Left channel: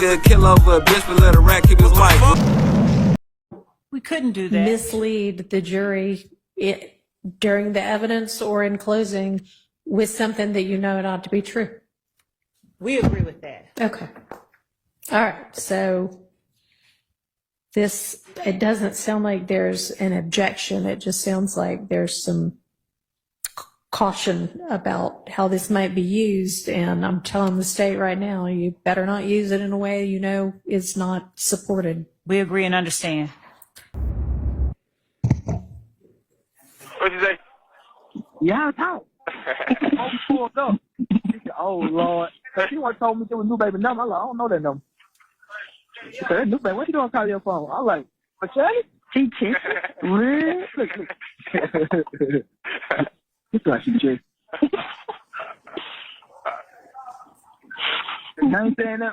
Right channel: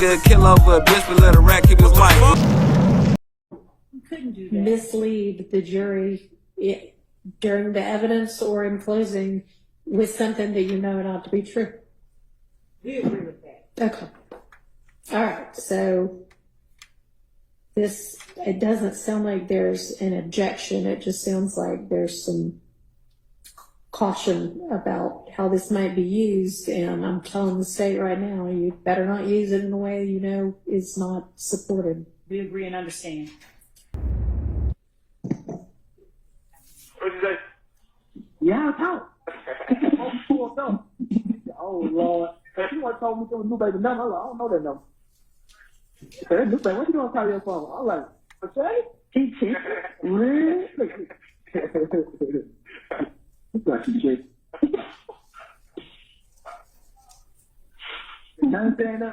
nigga kill over a bitch, but let a rat keep his wife. We couldn't do that. Mislead the jury during the evidence or in closing with something that you know not to be true. We agree with that. Okay. All right. So it doesn't sound like there's an objection. It just sounds like there's some caution about how this might be used. And I'm telling the state right now, you better not use it in a way you know is not supported. We agree and understand. What'd you say? Yeah, I talk. Oh, Lord. You want to told me there was new baby number. I'm like, I don't know that number. She said, new baby, what you doing call your phone? I'm like, okay. She checked. Really? You thought she checked. Now you saying that,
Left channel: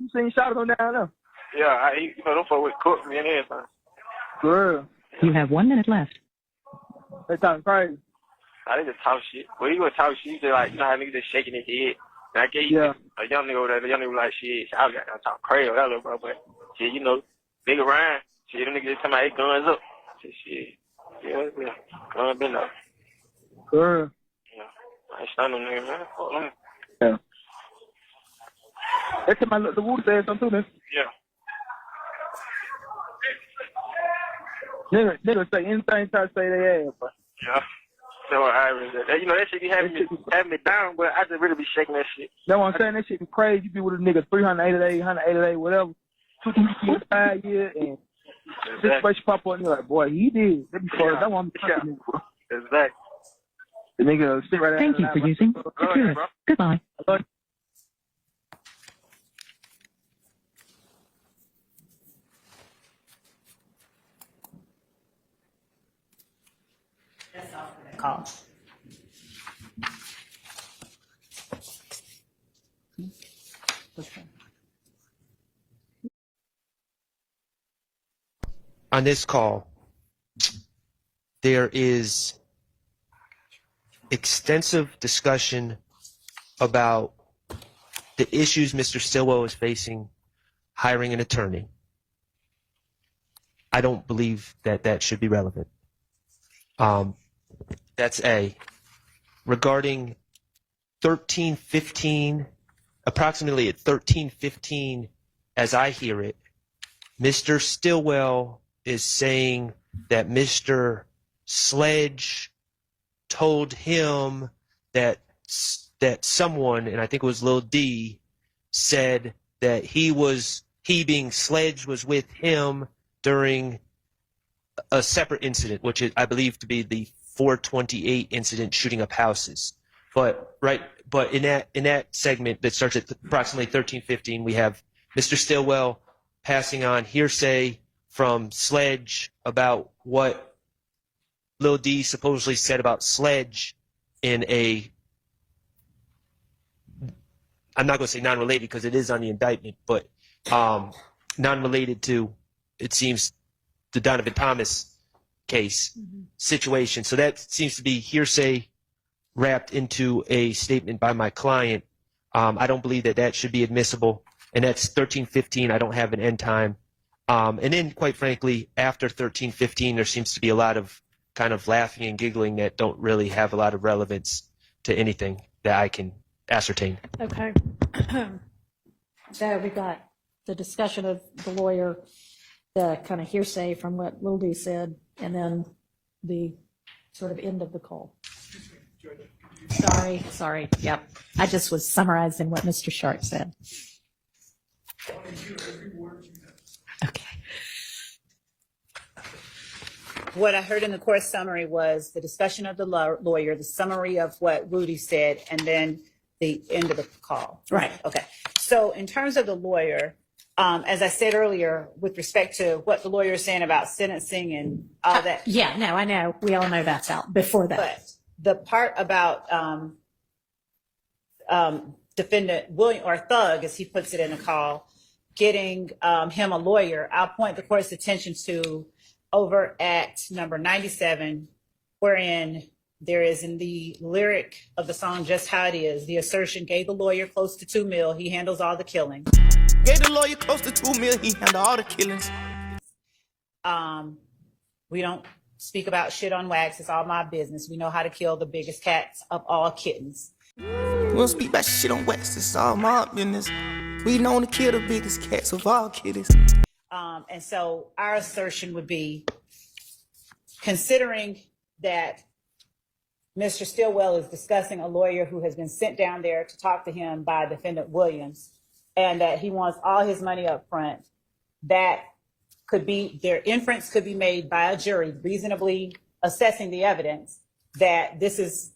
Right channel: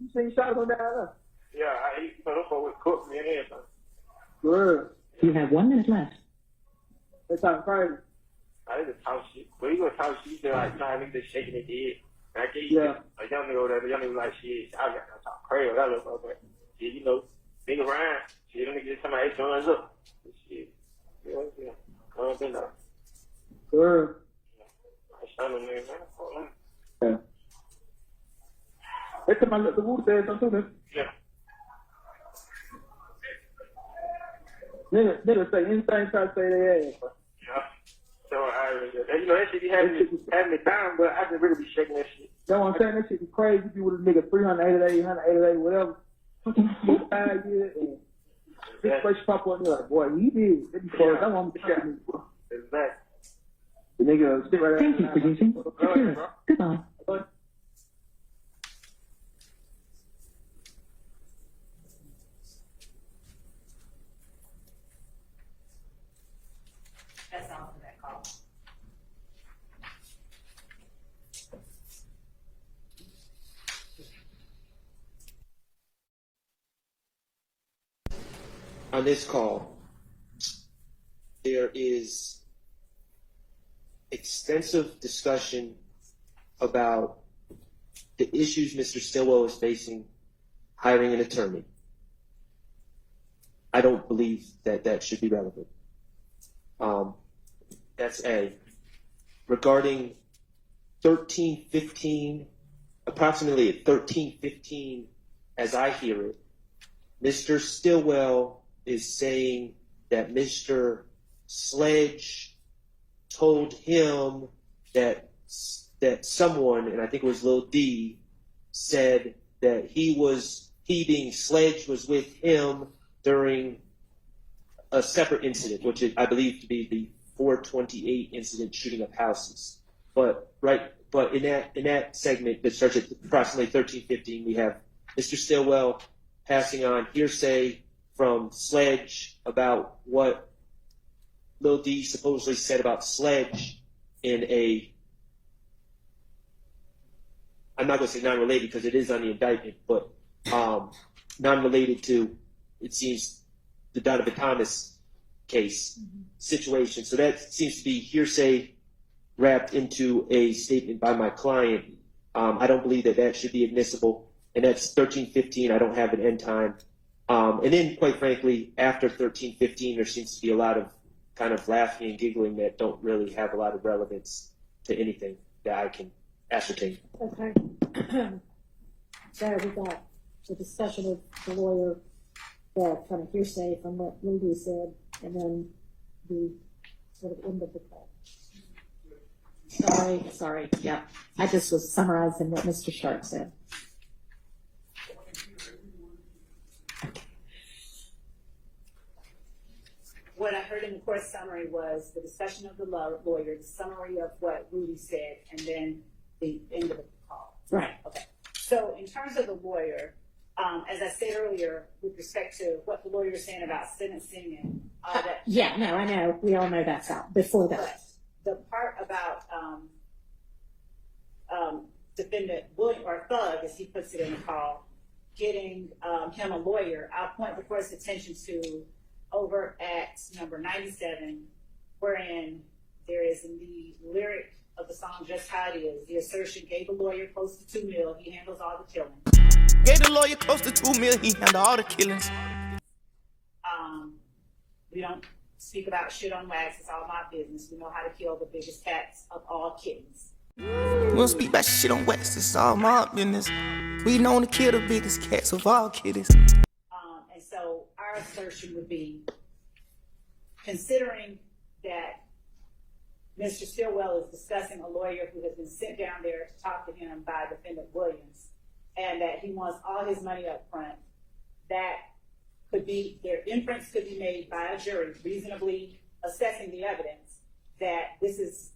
you seen shots on down there? Yeah, them folks would cook me and everything. Girl. You have 1 minute left. They talking crazy. They just talk shit. Well, you gonna talk shit, they like, you know how niggas just shaking his head. And I gave you a young nigga over there, the young nigga was like, shit, I was gonna talk crazy with that little bro, but shit, you know, nigga Ryan, shit, them niggas just talking about they guns up. Shit, yeah, guns been up. Girl. Yeah, I ain't stunned them niggas, man. Fuck them. Yeah. That's what the Wu said something too, man. Yeah. Niggas say anything try to say they ass, but. Yeah. So you know, that shit be having me down, but I just really be shaking that shit. You know what I'm saying? That shit be crazy. You be with a nigga 388, 188, whatever. 2 years, 5 years, and situation pop up and you're like, boy, he did. That be crazy. That one be talking to me. Exactly. The nigga sit right there. Thank you for using Secure. Goodbye. That's all for that call. On this call, there is extensive discussion about the issues Mr. Stillwell is facing hiring an attorney. I don't believe that that should be relevant. That's A. Regarding 1315, approximately at 1315, as I hear it, Mr. Stillwell is saying that Mr. Sledge told him that someone, and I think it was Lil D, said that he being Sledge was with him during a separate incident, which I believe to be the 428 incident shooting up houses. But in that segment that starts at approximately 1315, we have Mr. Stillwell passing on hearsay from Sledge about what Lil D supposedly said about Sledge in I'm not going to say non-related because it is on the indictment, but non-related to, it seems, the Donovan Thomas case situation. So that seems to be hearsay wrapped into a statement by my client. I don't believe that that should be admissible. And that's 1315. I don't have an end time. And then, quite frankly, after 1315, there seems to be a lot of kind of laughing and giggling that don't really have a lot of relevance to anything that I can ascertain. Okay. So we got the discussion of the lawyer, the kind of hearsay from what Lil D said, and then the sort of end of the call. Sorry. Yep. I just was summarizing what Mr. Sharp said. Okay. What I heard in the court summary was the discussion of the lawyer, the summary of what Rudy said, and then the end of the call. Right. Okay. So in terms of the lawyer, as I said earlier, with respect to what the lawyer is saying about sentencing and all that. Yeah, no, I know. We all know that's out before that. But the part about defendant William, or Thug, as he puts it in the call, getting him a lawyer, I'll point the court's attention to over at number 97, wherein there is in the lyric of the song Just How It Is, the assertion gave the lawyer close to $2 million. He handles all the killing. Gave the lawyer close to $2 million. He handled all the killings. We don't speak about shit on wax. It's all my business. We know how to kill the biggest cats of all kittens. We don't speak about shit on wax. It's all my business. We known to kill the biggest cats of all kitties. And so our assertion would be, considering that Mr. Stillwell is discussing a lawyer who has been sent down there to talk to him by Defendant Williams, and that he wants all his money up front, that could be, their inference could be made by a jury reasonably assessing the evidence that this is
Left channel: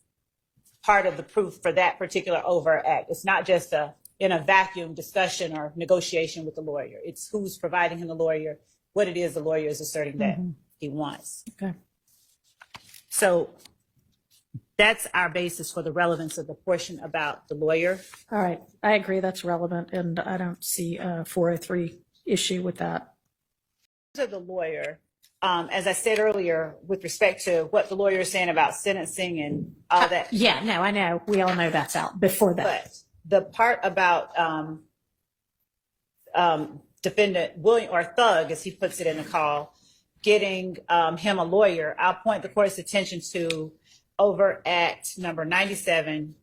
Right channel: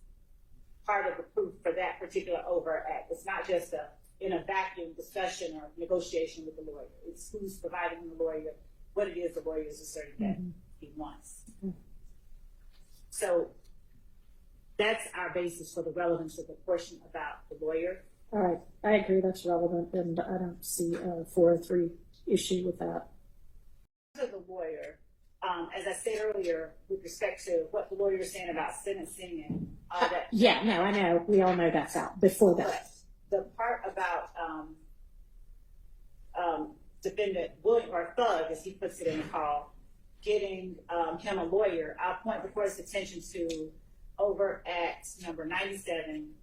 part of the proof for that particular overt act. It's not just in a vacuum discussion or negotiation with the lawyer. It's who's providing him the lawyer, what it is the lawyer is asserting that he wants. Okay. So that's our basis for the relevance of the portion about the lawyer. All right, I agree that's relevant, and I don't see a 403 issue with that. To the lawyer, as I said earlier, with respect to what the lawyer is saying about sentencing and all that. Yeah, no, I know. We all know that's out before that. But the part about Defendant William, or Thug, as he puts it in the call, getting him a lawyer, I'll point the court's attention to overt act number 97,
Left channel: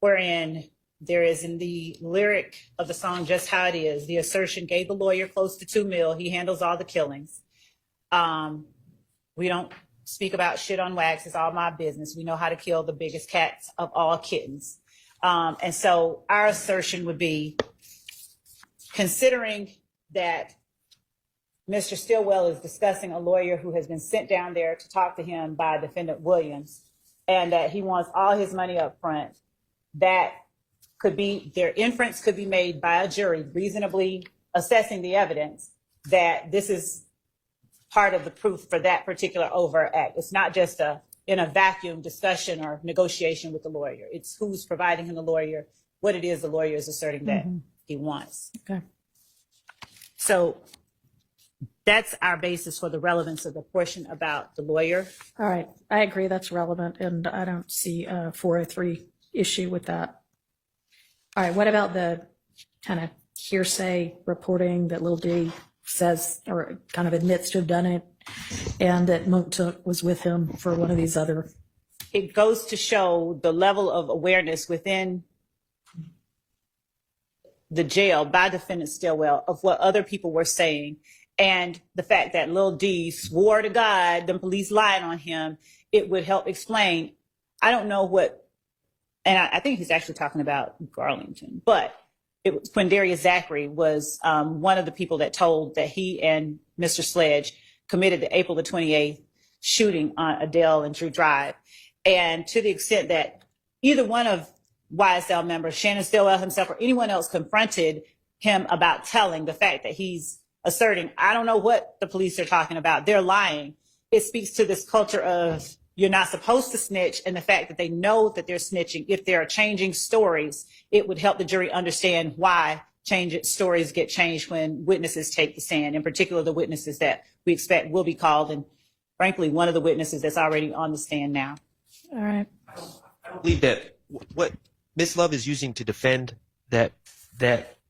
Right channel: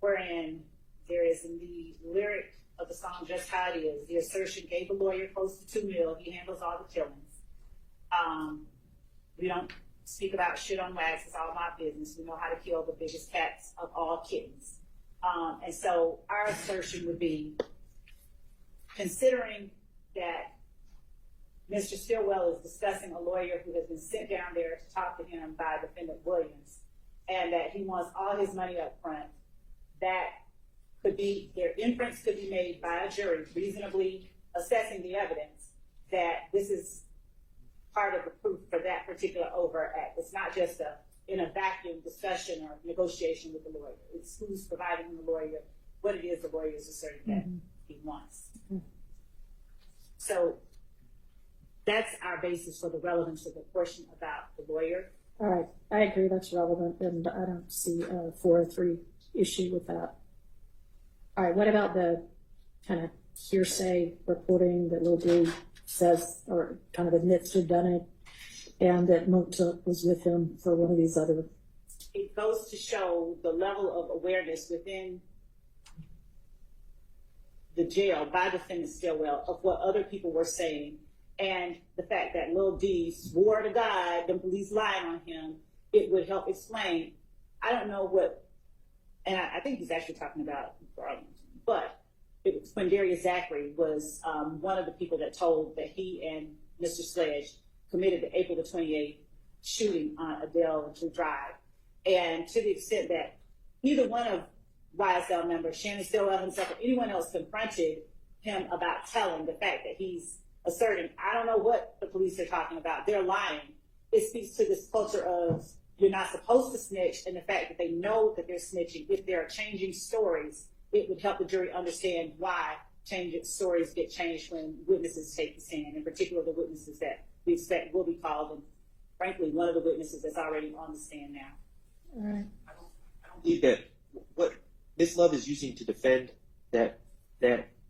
wherein there is, in the lyric of the song Just How It Is, the assertion, gave the lawyer close to $2 million. He handles all the killings. We don't speak about shit on wax. It's all my business. We know how to kill the biggest cats of all kittens. And so our assertion would be, considering that Mr. Stillwell is discussing a lawyer who has been sent down there to talk to him by Defendant Williams, and that he wants all his money up front, that could be, their inference could be made by a jury reasonably assessing the evidence that this is part of the proof for that particular overt act. It's not just in a vacuum discussion or negotiation with the lawyer. It's who's providing him the lawyer, what it is the lawyer is asserting that he wants. Okay. So that's our basis for the relevance of the portion about the lawyer. All right, I agree that's relevant, and I don't see a 403 issue with that. All right, what about the kind of hearsay reporting that Lil D says, or kind of admits to have done it, and that Monk was with him for one of these other? It goes to show the level of awareness within the jail by Defendant Stillwell of what other people were saying, and the fact that Lil D swore to God the police lied on him. It would help explain. I don't know what, and I think he's actually talking about Garlington, but it was Quindarius Zachary was one of the people that told that he and Mr. Sledge committed the April the 28th shooting on Adele and Drew Drive. And to the extent that either one of YSL members, Shannon Stillwell himself or anyone else, confronted him about telling, the fact that he's asserting, I don't know what the police are talking about, they're lying. It speaks to this culture of you're not supposed to snitch, and the fact that they know that they're snitching. If there are changing stories, it would help the jury understand why stories get changed when witnesses take the stand, in particular the witnesses that we expect will be called, and frankly, one of the witnesses that's already on the stand now. All right. I believe that what Ms. Love is using to defend that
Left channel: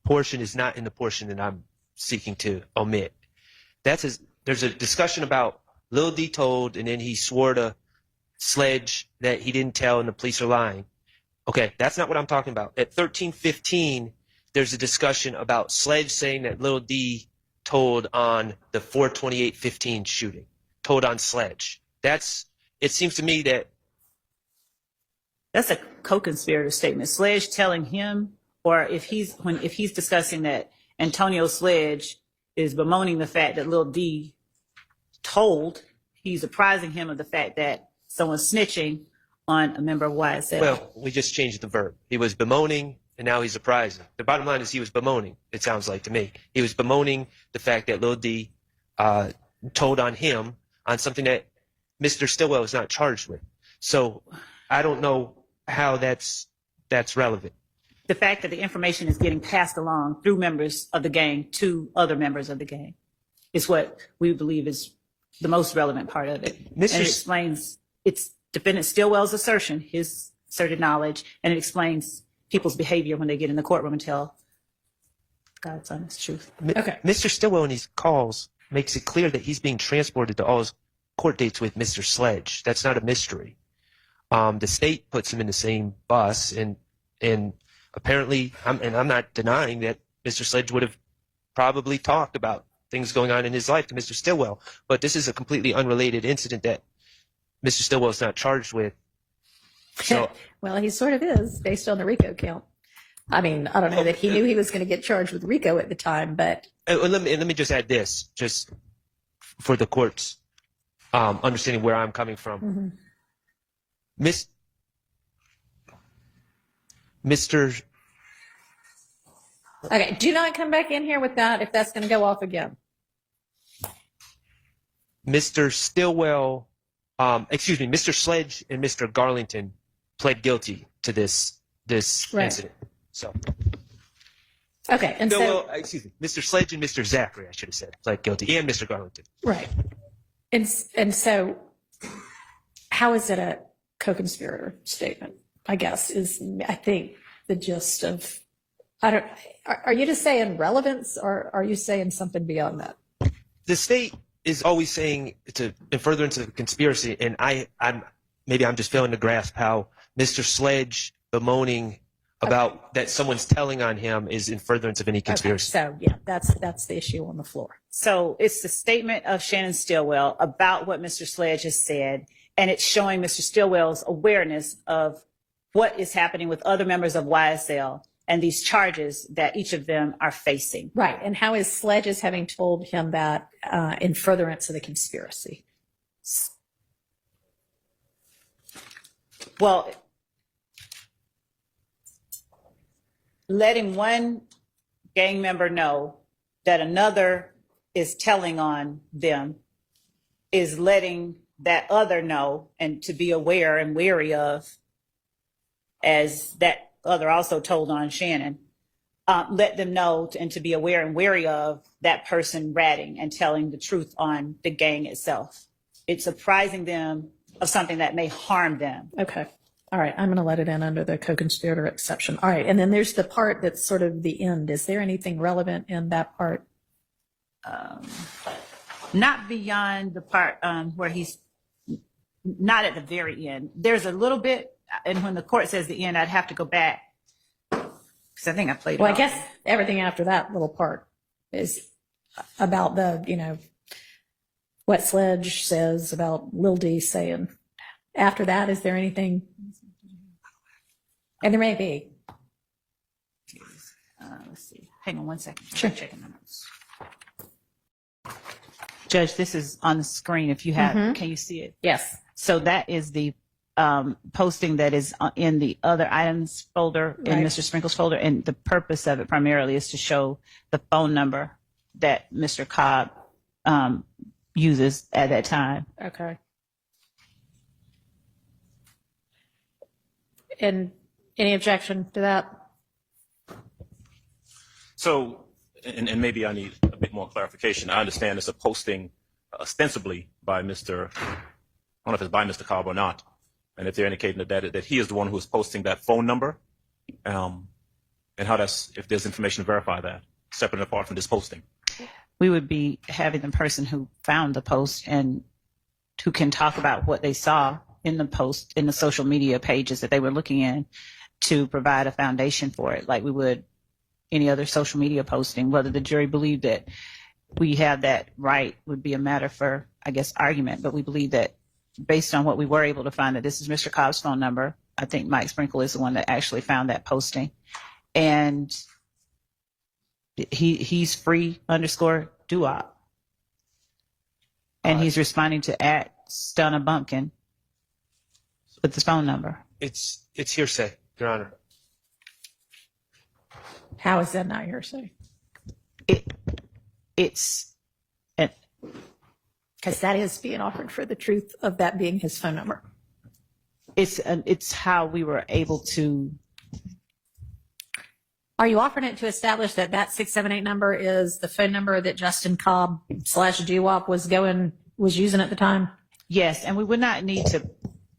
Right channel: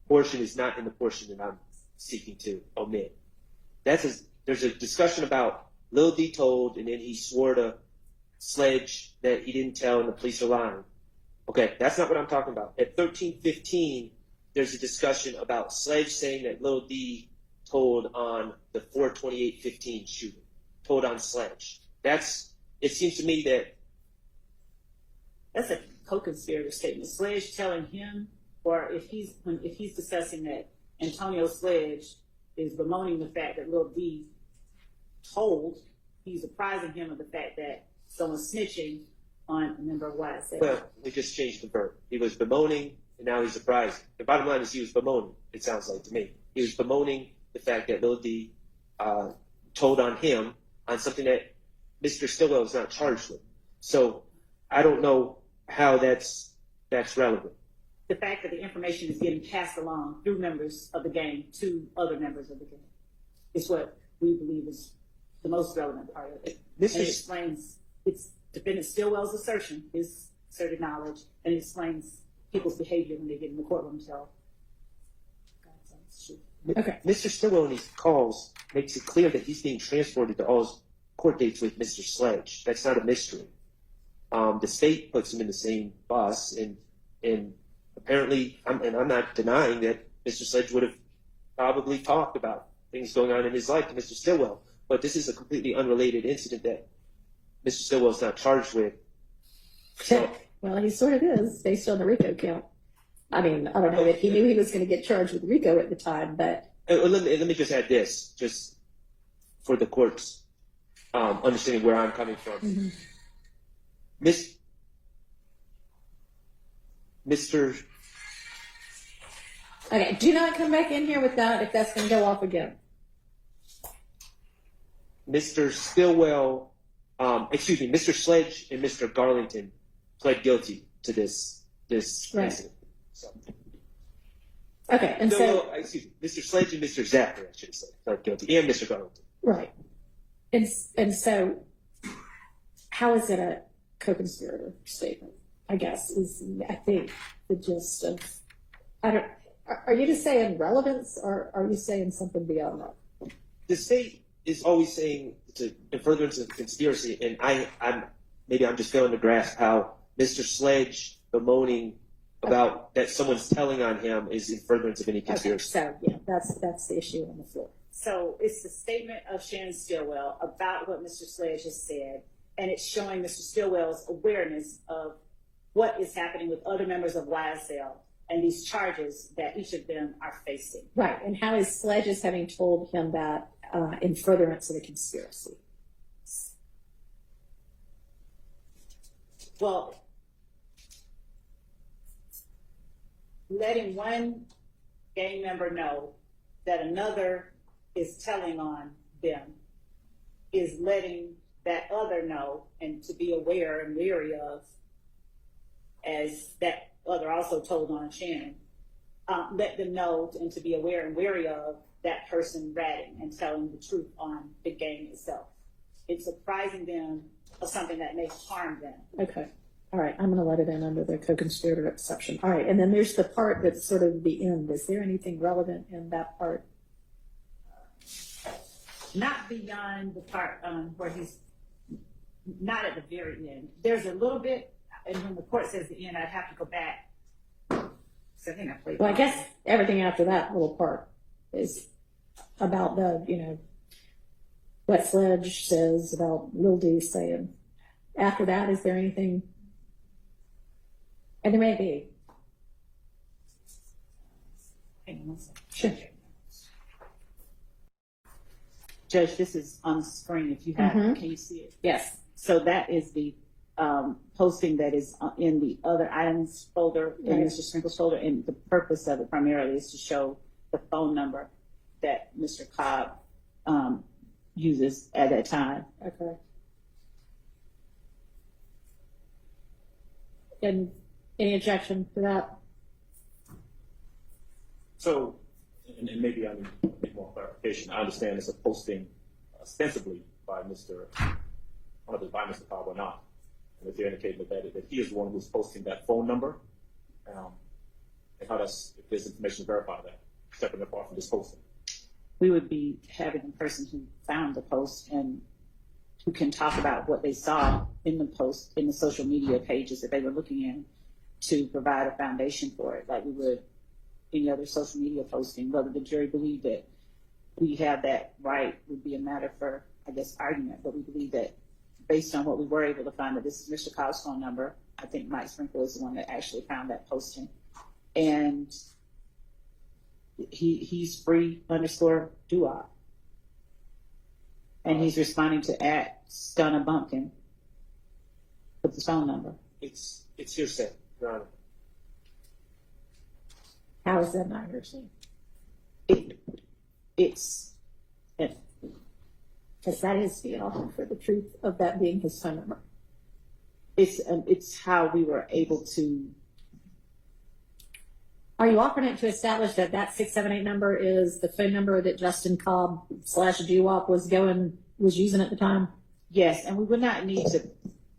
portion is not in the portion that I'm seeking to omit. There's a discussion about Lil D told, and then he swore to Sledge that he didn't tell and the police are lying. Okay, that's not what I'm talking about. At 13:15, there's a discussion about Sledge saying that Lil D told on the 4/28/15 shooting, told on Sledge. It seems to me that that's a co-conspirator statement. Sledge telling him, or if he's discussing that Antonio Sledge is bemoaning the fact that Lil D told, he's apprising him of the fact that someone's snitching on a member of YSL. Well, we just changed the verb. He was bemoaning, and now he's apprising. The bottom line is he was bemoaning, it sounds like to me. He was bemoaning the fact that Lil D told on him on something that Mr. Stillwell is not charged with. So I don't know how that's relevant. The fact that the information is getting passed along through members of the gang to other members of the gang is what we believe is the most relevant part of it. And it explains, it's Defendant Stillwell's assertion, his asserted knowledge, and it explains people's behavior when they get in the courtroom and tell God's honest truth. Okay. Mr. Stillwell in his calls makes it clear that he's being transported to all his court dates with Mr. Sledge. That's not a mystery. The state puts him in the same bus, and apparently, I'm not denying that Mr. Sledge would have probably talked about things going on in his life to Mr. Stillwell, but this is a completely unrelated incident that Mr. Stillwell is not charged with. So, Well, he sort of is based on the RICO count. I mean, I don't know that he knew he was going to get charged with RICO at the time, but let me just add this, just for the court's understanding where I'm coming from. Mr. okay, do not come back in here with that if that's going to go off again. Mr. Stillwell, Mr. Sledge and Mr. Garlington pled guilty to this Right. incident. So, Okay, and no, so well, excuse me, Mr. Sledge and Mr. Zachary, I should have said, pled guilty, and Mr. Garlington. right, and so how is it a co-conspirator statement? I guess is I think the gist of Are you just saying relevance, or are you saying something beyond that? The state is always saying to in furtherance of the conspiracy, and I'm just failing to grasp how Mr. Sledge bemoaning about that someone's telling on him is in furtherance of any conspiracy. Okay, so yeah, that's the issue on the floor. So it's the statement of Shannon Stillwell about what Mr. Sledge has said, and it's showing Mr. Stillwell's awareness of what is happening with other members of YSL and these charges that each of them are facing. Right, and how is Sledge's having told him that in furtherance of the conspiracy? Well, letting one gang member know that another is telling on them is letting that other know and to be aware and wary of, as that other also told on Shannon, let them know and to be aware and wary of that person ratting and telling the truth on the gang itself. It's apprising them of something that may harm them. Okay. All right, I'm going to let it in under the co-conspirator exception. All right, and then there's the part that's sort of the end. Is there anything relevant in that part? Not beyond the part where he's not at the very end. There's a little bit, and when the court says the end, I'd have to go back because I think I played it. Well, I guess everything after that little part is about the, what Sledge says about Lil D saying. After that, is there anything? And there may be. Let's see. Hang on one second. Sure. I'm checking the notes. Judge, this is on the screen. If you have, can you see it? Yes. So that is the posting that is in the other items folder in Right. Mr. Sprinkle's folder, and the purpose of it primarily is to show the phone number that Mr. Cobb uses at that time. Okay. And any objection to that? So, and maybe I need a bit more clarification. I understand it's a posting ostensibly by Mr. I don't know if it's by Mr. Cobb or not, and if they're indicating that he is the one who is posting that phone number, and how if there's information to verify that, separate and apart from this posting. We would be having the person who found the post and who can talk about what they saw in the post, in the social media pages that they were looking in, to provide a foundation for it, like we would any other social media posting. Whether the jury believed that we have that right would be a matter for, I guess, argument. But we believe that based on what we were able to find, that this is Mr. Cobb's phone number. I think Mike Sprinkle is the one that actually found that posting. And he's free _doo-wop. And he's responding to @Stunna with the phone number. It's hearsay, Your Honor. How is that not hearsay? It's Because that is being offered for the truth of that being his phone number. it's how we were able to. Are you offering it to establish that 678 number is the phone number that Justin Cobb /doo-wop was using at the time? Yes, and we would not need to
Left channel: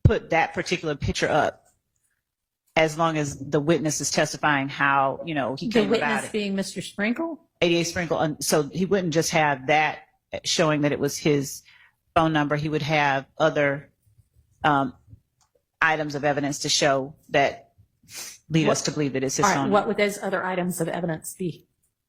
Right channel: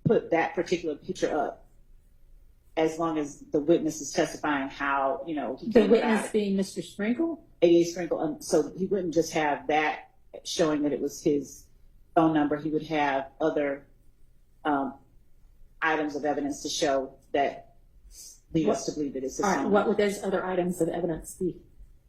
put that particular picture up as long as the witness is testifying how, you know, he The came about witness it. being Mr. Sprinkle? 88 Sprinkle. So he wouldn't just have that showing that it was his phone number. He would have other items of evidence to show that lead us to believe that it's his All phone right, number. what would those other items of evidence be?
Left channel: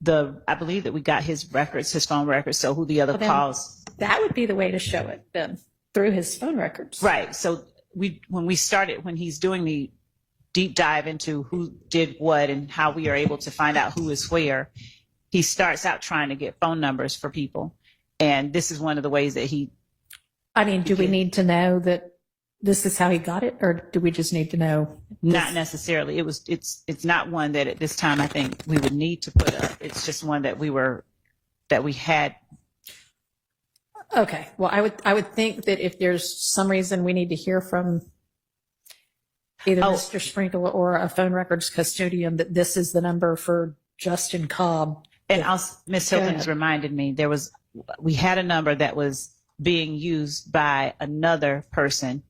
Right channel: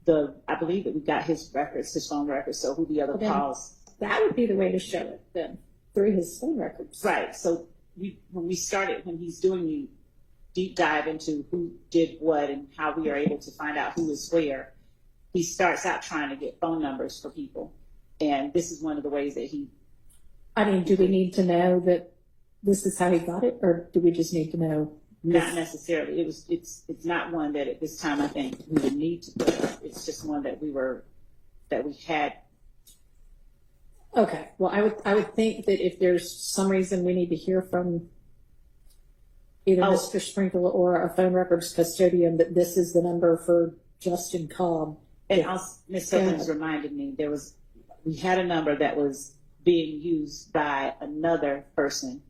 I believe that we got his records, his phone records. So who the other Well, then calls. That would be the way to show it then, through his phone records. Right. So when he's doing the deep dive into who did what and how we are able to find out who is where, he starts out trying to get phone numbers for people. And this is one of the ways that do we need to know that this is how he got it, or do we just need to know? not necessarily, it's not one that at this time I think we would need to put up. It's just one that we had. Okay, well, I would think that if there's some reason we need to hear from either Mr. Sprinkle or a phone records custodian that this is the number for Justin Cobb. And Ms. Hilton's reminded me, we had a number that was being used by another person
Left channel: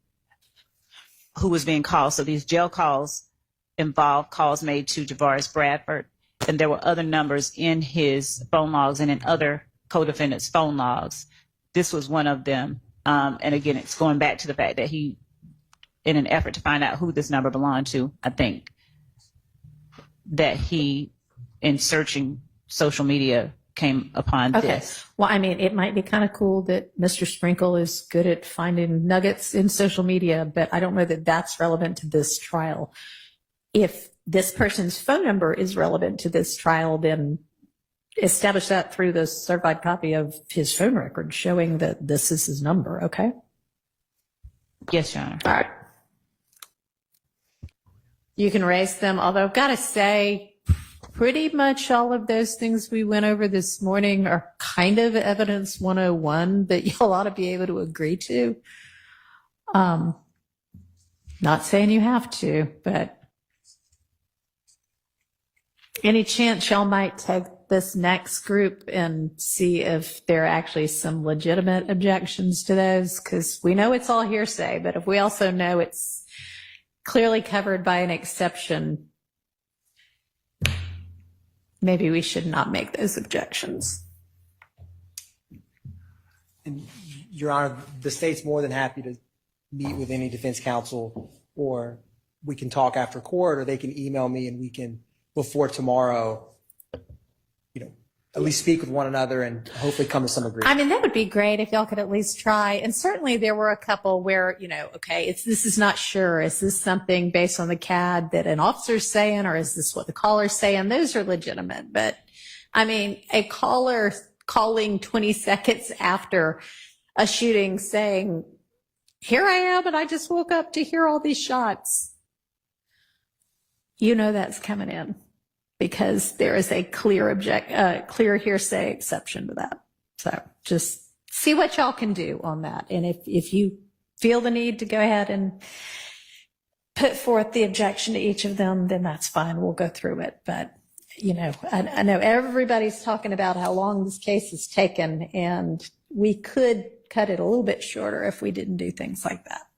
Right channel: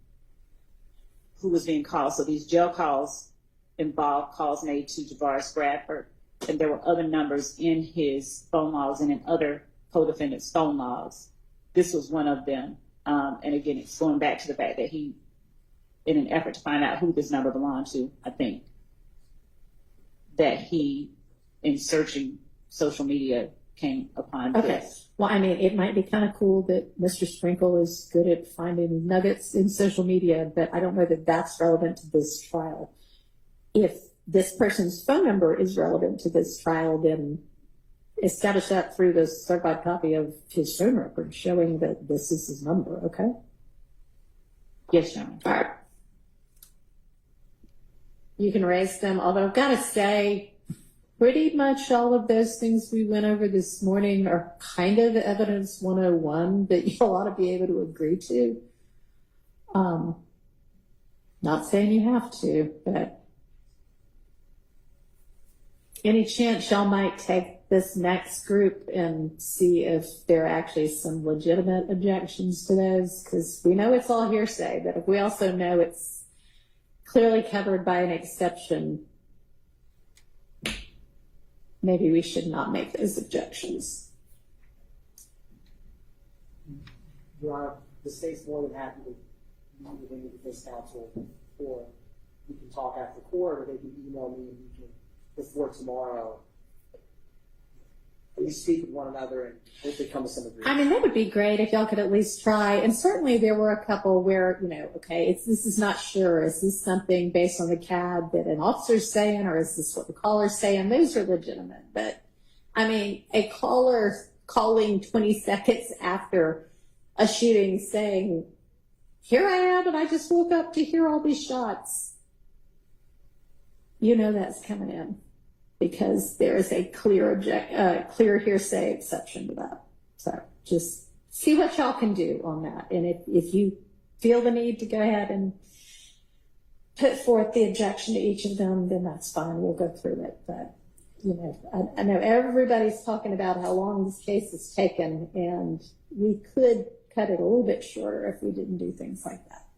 who was being called. So these jail calls involved calls made to Javaris Bradford, and there were other numbers in his phone logs and in other co-defendants' phone logs. This was one of them. And again, it's going back to the fact that he, in an effort to find out who this number belonged to, I think that he, in searching social media, came upon this. Well, it might be kind of cool that Mr. Sprinkle is good at finding nuggets in social media, but I don't know that that's relevant to this trial. If this person's phone number is relevant to this trial, then establish that through the certified copy of his phone record showing that this is his number, okay? Yes, Your Honor. All right. You can raise them, although I've got to say, pretty much all of those things we went over this morning are kind of evidence 101 that you'll ought to be able to agree to. Not saying you have to, but any chance y'all might take this next group and see if there are actually some legitimate objections to those? Because we know it's all hearsay, but if we also know it's clearly covered by an exception, maybe we should not make those objections. And Your Honor, the state's more than happy to meet with any defense counsel, or we can talk after court, or they can email me and we can, before tomorrow, at least speak with one another and hopefully come to some agreement. That would be great if y'all could at least try. And certainly there were a couple where, okay, this is not sure. Is this something based on the CAD that an officer's saying, or is this what the caller's saying? Those are legitimate. But a caller calling 20 seconds after a shooting saying, here I am and I just woke up to hear all these shots. That's coming in, because there is a clear hearsay exception to that. So just see what y'all can do on that. And if you feel the need to go ahead and put forth the objection to each of them, then that's fine. We'll go through it. But, I know everybody's talking about how long this case has taken, and we could cut it a little bit shorter if we didn't do things like that.